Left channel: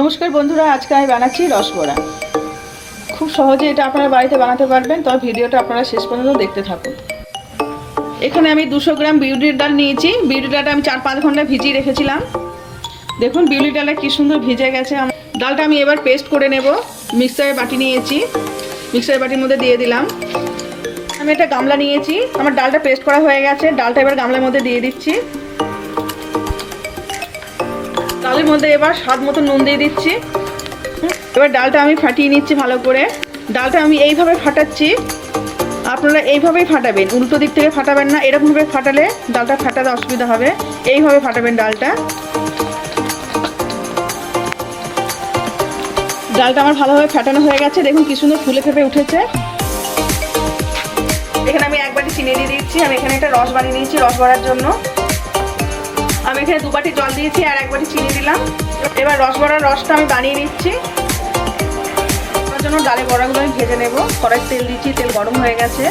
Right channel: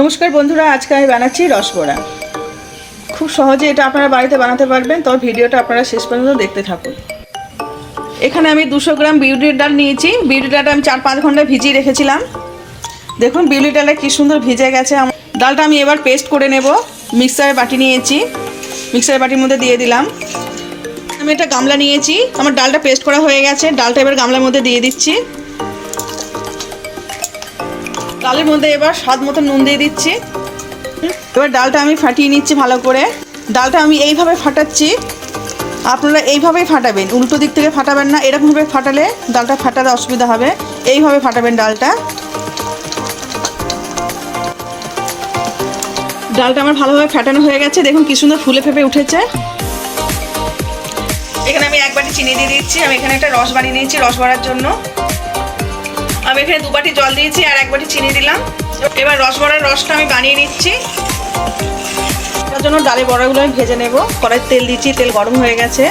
নমস্কার বন্ধুরা, আজকে আমি বানাচ্ছি রসবড়া। খুব সহজে এটা আপনারা বাড়িতে বানাতে পারবেন, তবে ভিডিওটা আপনারা শেষ পর্যন্ত দেখতে থাকুন। এখানে আমি 200 গ্রাম বিউলির ডাল নিয়েছি। বিউলির ডালটা আমি 4-5 ঘন্টা ভিজিয়ে রেখেছিলাম। দেখুন বিউলির ডালটা কি সুন্দর ভিজে গেছে। ডালটা আমি এবার পেস্ট করে নেব। মিক্সারের বাটি নিয়েছি, মিক্সারের বাটির মধ্যে দিয়ে দিলাম। আমি একটা গামলা নিয়েছি, আমার ডালটা পেস্ট করা হয়ে গেছে। ডালটা এবার গামলার মধ্যে দিয়ে দিচ্ছি। ডালের মধ্যে এবার স্বাদ মতো নুন দিয়ে দিচ্ছি। এবার ডালটা আমি ফাটিয়ে নিচ্ছি ভালো করে। ডালটা আমি এইভাবে ফাটাচ্ছি, আপনারা এইভাবেই ফাটাবেন, উল্টো দিক থেকে ফাটাবেন না। এরকমভাবে ফাটালে ডালটা ফাটাতে অসুবিধা হবে। এইভাবে ফাটাবেন ডালটা। ডালটা আমার ভালোভাবে ফাটানো হয়ে গেছে। দেখুন কি সুন্দর ফুলে ফেপে উঠেছে। এখানে আমি 1 বাটি চিনি দিয়ে দিচ্ছি। আমি এখানে একটা রস বানিয়ে নিয়েছি রস ভরার জন্য। আমি এখানে 2 বাটি জল দিয়েছি আর 1 বাটি চিনি দিলাম। এবার রসবড়ার রসটা আমি বানিয়ে নিচ্ছি। তার জন্য ডালের বড়াগুলো আমি ভেজে নেব। কড়াইতে তেল দিচ্ছি, তেল গরম হয়ে গেছে।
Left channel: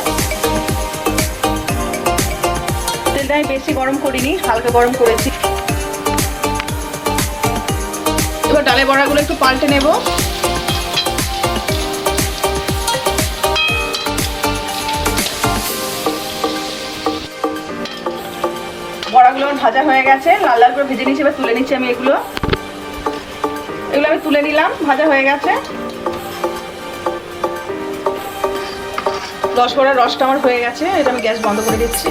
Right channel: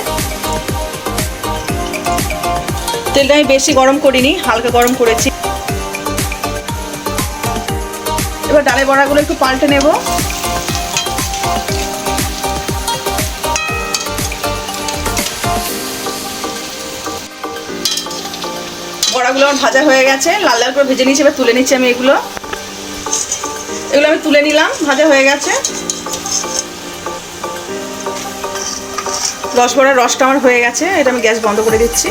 তেলটা আমি বেশি গরম করিনি, হালকা গরম করেছি। এবার ডালের বড়াগুলো একটু পাল্টে নেব। বড়াগুলো আমার ভাজা হয়ে গেছে, লাল লাল করে ভেজে নিয়েছি। এবার তুলে নিচ্ছি আমি এগুলো আমি তুলে নিলাম, ভাজা হয়ে গেছে। রসবড়ার রসটা আমার হয়ে গেছে। এটা আমি গ্যাস বন্ধ করে দিচ্ছি।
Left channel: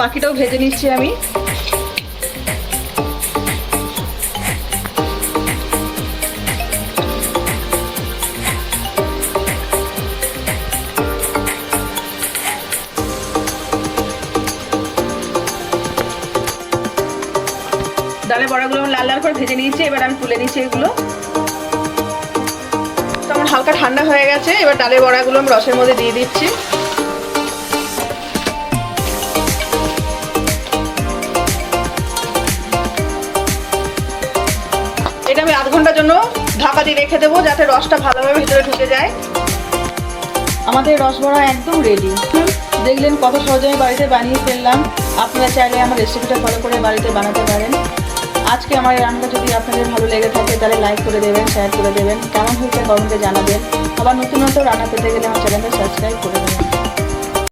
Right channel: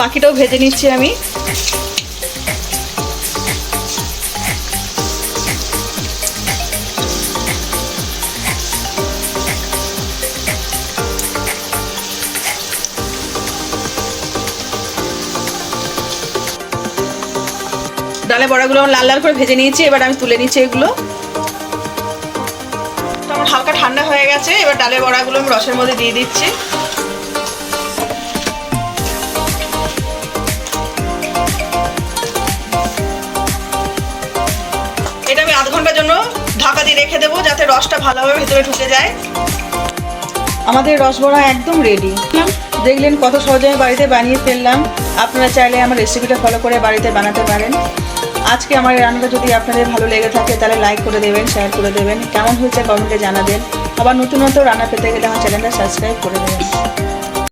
বাকিটাও ভেজে নিচ্ছি আমি। ডালের বড়াগুলো লাল লাল করে ভেজে নিয়েছি। এবার আমি তুলে নিচ্ছি এগুলো। তো আমার হালকা ঠান্ডা হয়ে গেছে। এবার ডালের বড়াগুলো আমি রসের মধ্যে দিয়ে দিচ্ছি। এটা আমি আধ ঘন্টার জন্য ঢাকা দিয়ে রেখে দেবো, যাতে রসটা ভালোভাবে ভেতরে ঢুকে যায়। আমাদের রসবড়া একদম রেডি। দেখলেন কত সহজে আমি বাড়িতে বানিয়ে ফেললাম। আপনারা চাইলে আমার রেসিপিটা ফলো করে বাড়িতে বানাতে পারেন। আজকে আমার রান্নাটা যদি আপনাদের ভালো লেগে থাকে তাহলে লাইক করে দেবেন, শেয়ার করে দেবেন। কেমন হয়েছে কমেন্টে জানাবেন। আবার নতুন নতুন রান্না পেতে গেলে আমার চ্যানেলটা সাবস্ক্রাইব করে দেবেন।